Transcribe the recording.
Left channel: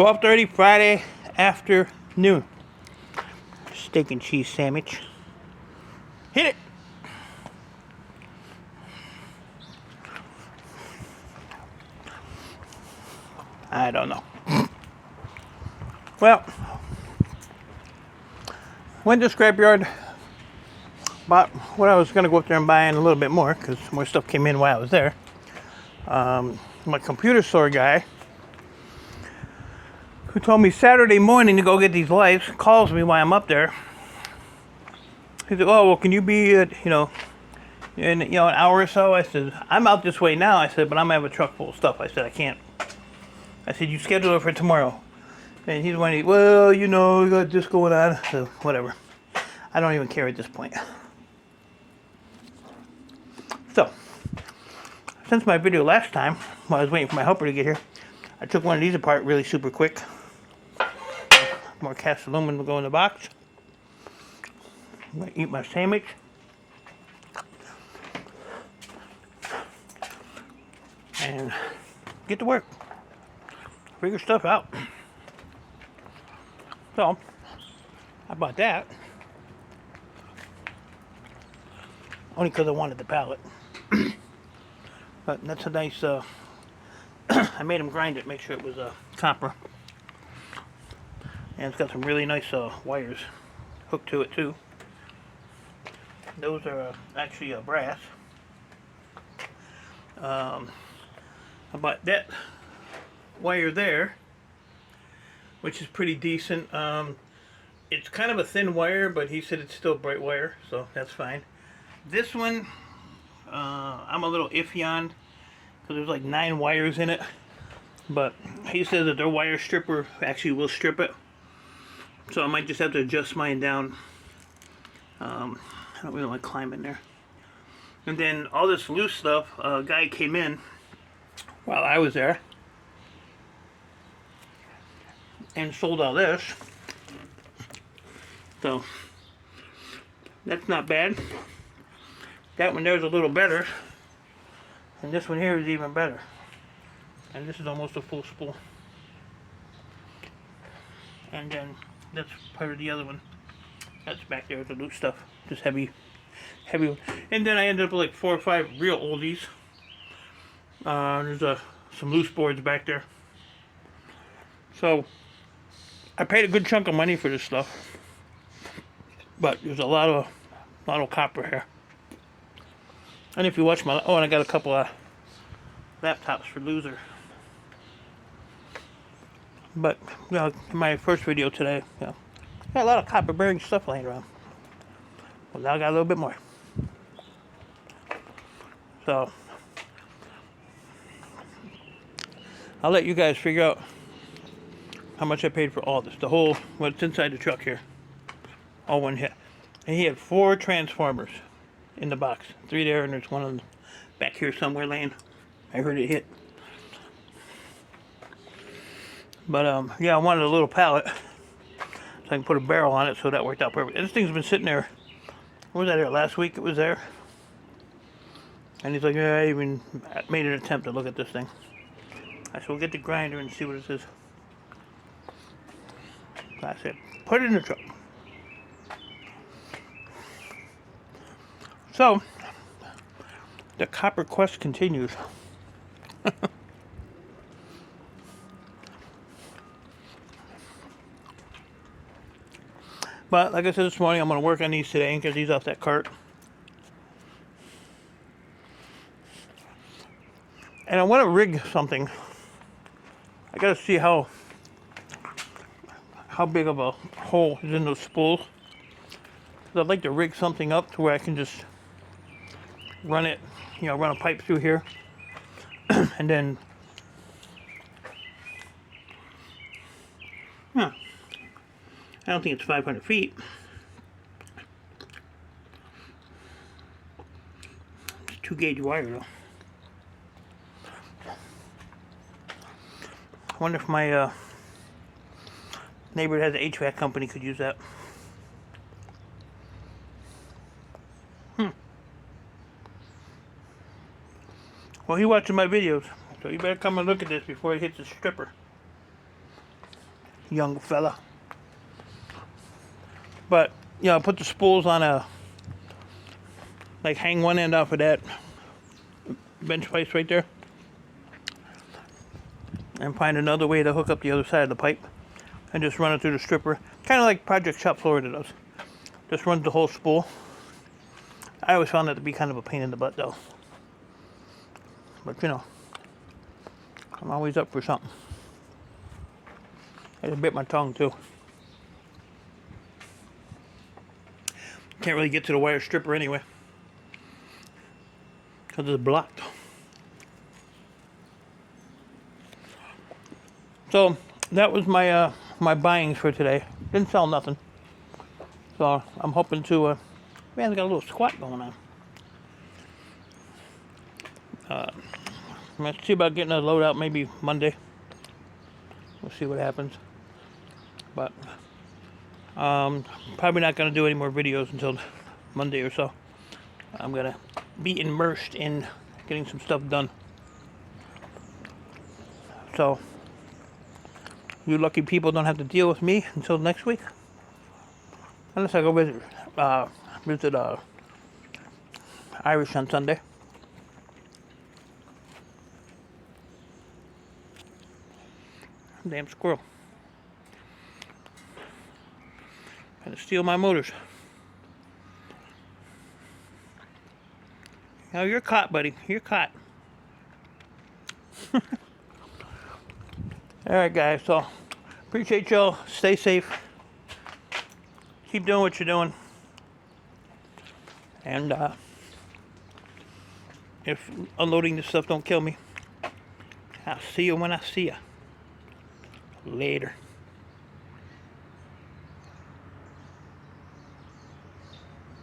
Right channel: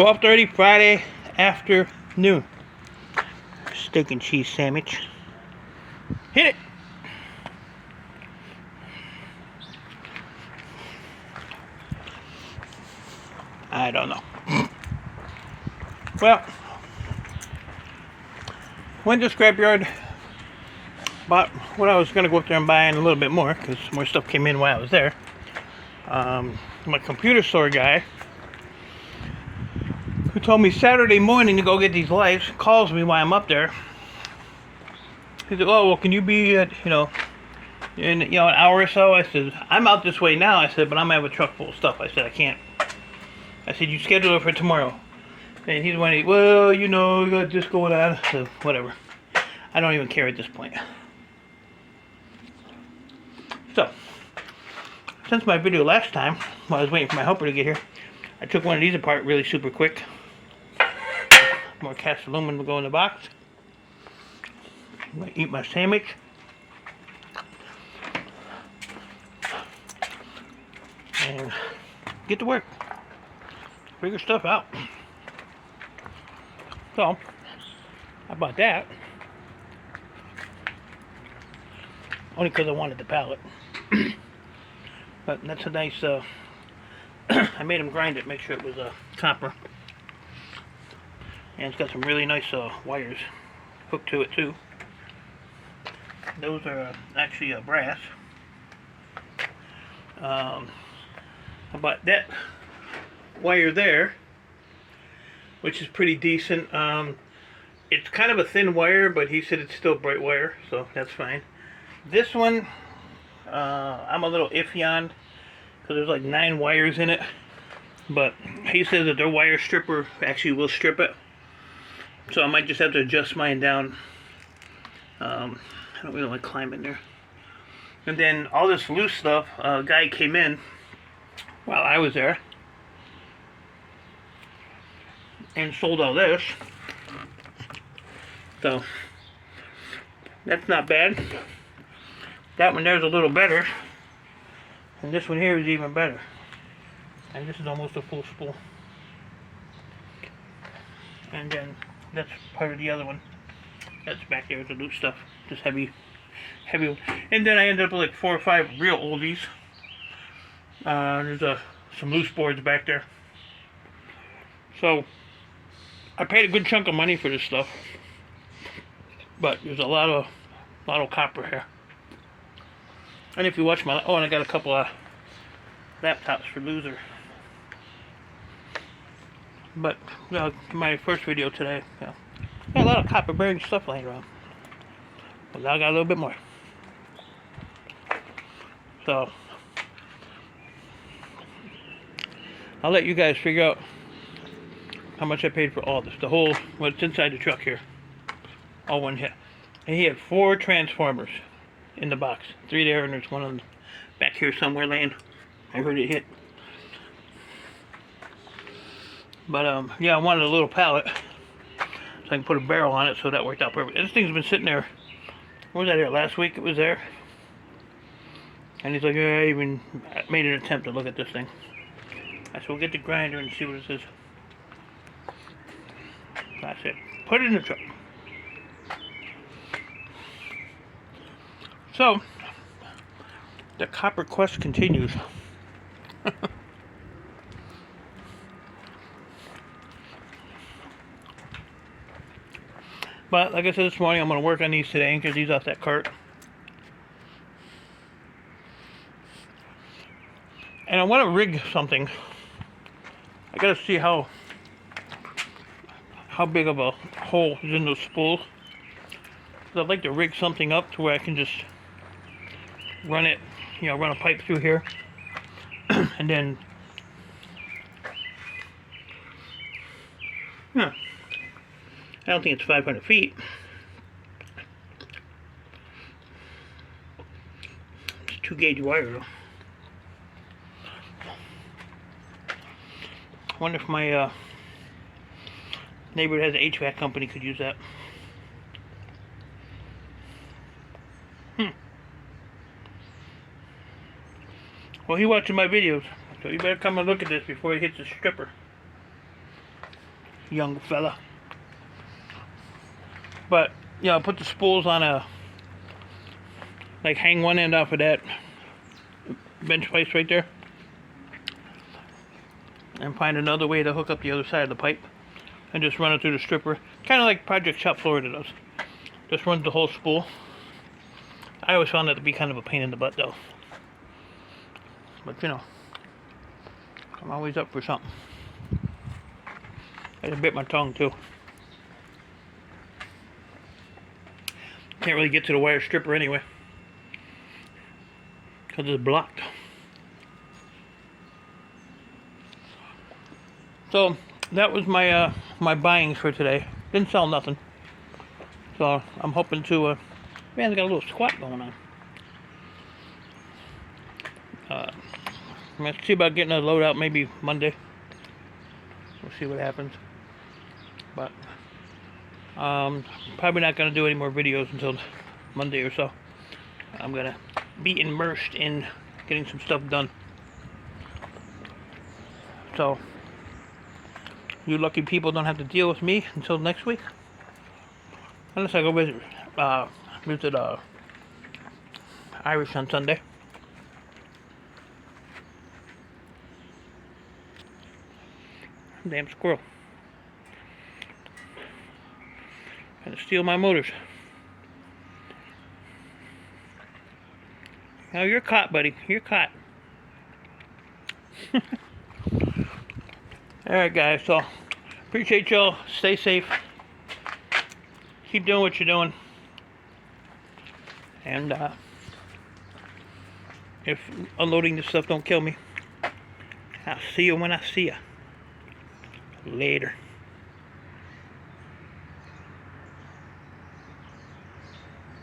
12:30 Friday afternoon. Steak and cheese sandwich. Hit it! I don't know. Well, went to Scrapyard. Bought what I was going to go up there and buy and a little bit more because more stuff came in while I was there. My computer store guy, who told me Saturday morning to go get these lights, calls me while I'm up there. He's like, "Oh, well, can you be at, in an hour or so?" I said, "I'm out this way now." I said, "But I'm gonna have a truck full of stuff." I said, "I can't." I said, "You schedule it for tomorrow." And he's wondering, "Well, we got this going on." So whatever. I don't even care at this point. So, since my video last time, while I was waiting for my helper to get here, I took one of these apart really super quick. More cast aluminum will go in the box. I'm gonna eat my sandwich. And get to work. Figure stuff out. So, I bought that. Only because I wanted the pallet. But that's a nice, I made him grind it, make sure it was copper. And it's got some really nice wires hooked to it too. Those are actually brass. I bought that wire there, which is pretty decent. It's kind of a thin wire, but he said it's still bright wire, so that's fine. This one, I'm a little iffy on, because there's like 9 wires in it, but he says that their wire stripper actually will strip it, so I might just have to adjust mine down. I don't really like climbing there. And then all this loose stuff, a guy came in while I was there and sold all this, so that's not bad. That one there's a little better, and this one here is even better, and this is almost a full spool. And then that's part of the other one that's back there with the loose stuff, just heavy. And then I ended up with like 4 or 5 real oldies. There's some loose boards back there, so I paid a good chunk of money for this stuff, but there's a lot of copper here. And if you watch my, and I got a couple of laptops for loser. But my first video today, got a lot of copper bearing stuff laying around. Well, now I got a little bit more. So I'll let you guys figure out how much I paid for all this. The whole, what's inside the truck here. All one hit. And he had 4 transformers in the box. 3 there, and there's one on back here somewhere laying. I heard it hit. But yeah, I wanted a little pallet so I can put a barrel on it, so that worked out perfect. And this thing's been sitting there. When was that here? Last week it was there. And he's like, "Yeah, I even made an attempt to look at this thing." I said, "We'll get the grinder and see what it is." So I said, "Put it in the truck." So, the copper quest continues. But, like I said this morning, I'm going to work on these today and get these off that cart. And I want to rig something. I got to see how big of a hole is in those spools. I'd like to rig something up to where I can just run it, run a pipe through here, and then, I don't think it's 500 feet. It's 2-gauge wire though. I wonder if my neighbor that has an HVAC company could use that. Well, he watching my videos, so you better come and look at this before it hits the stripper. young fella. But yeah, I'll put the spools on a, like, hang one end off of that bench place right there, and find another way to hook up the other side of the pipe, and just run it through the stripper, kind of like Project Shop Florida does. Just runs the whole spool. I always found that to be kind of a pain in the butt though, but you know, I'm always up for something. I just bit my tongue too. Can't really get to the wire stripper anyway, because it's blocked. So that was my my buyings for today. Didn't sell nothing. So I'm hoping to, man, I got a little squat going on. I'm going to see about getting a load out maybe Monday. We'll see what happens. But probably not going to do any more videos until Monday or so. I'm going to be immersed in getting some stuff done. So you lucky people don't have to deal with me until next week. Unless I go visit Irish on Sunday. Damn squirrel. Trying to steal my motors. Oh, you're caught, buddy. You're caught. Alright, guys. So, appreciate y'all. Stay safe. Keep doing what you're doing. And if unloading this stuff don't kill me, I'll see you when I see you. Later.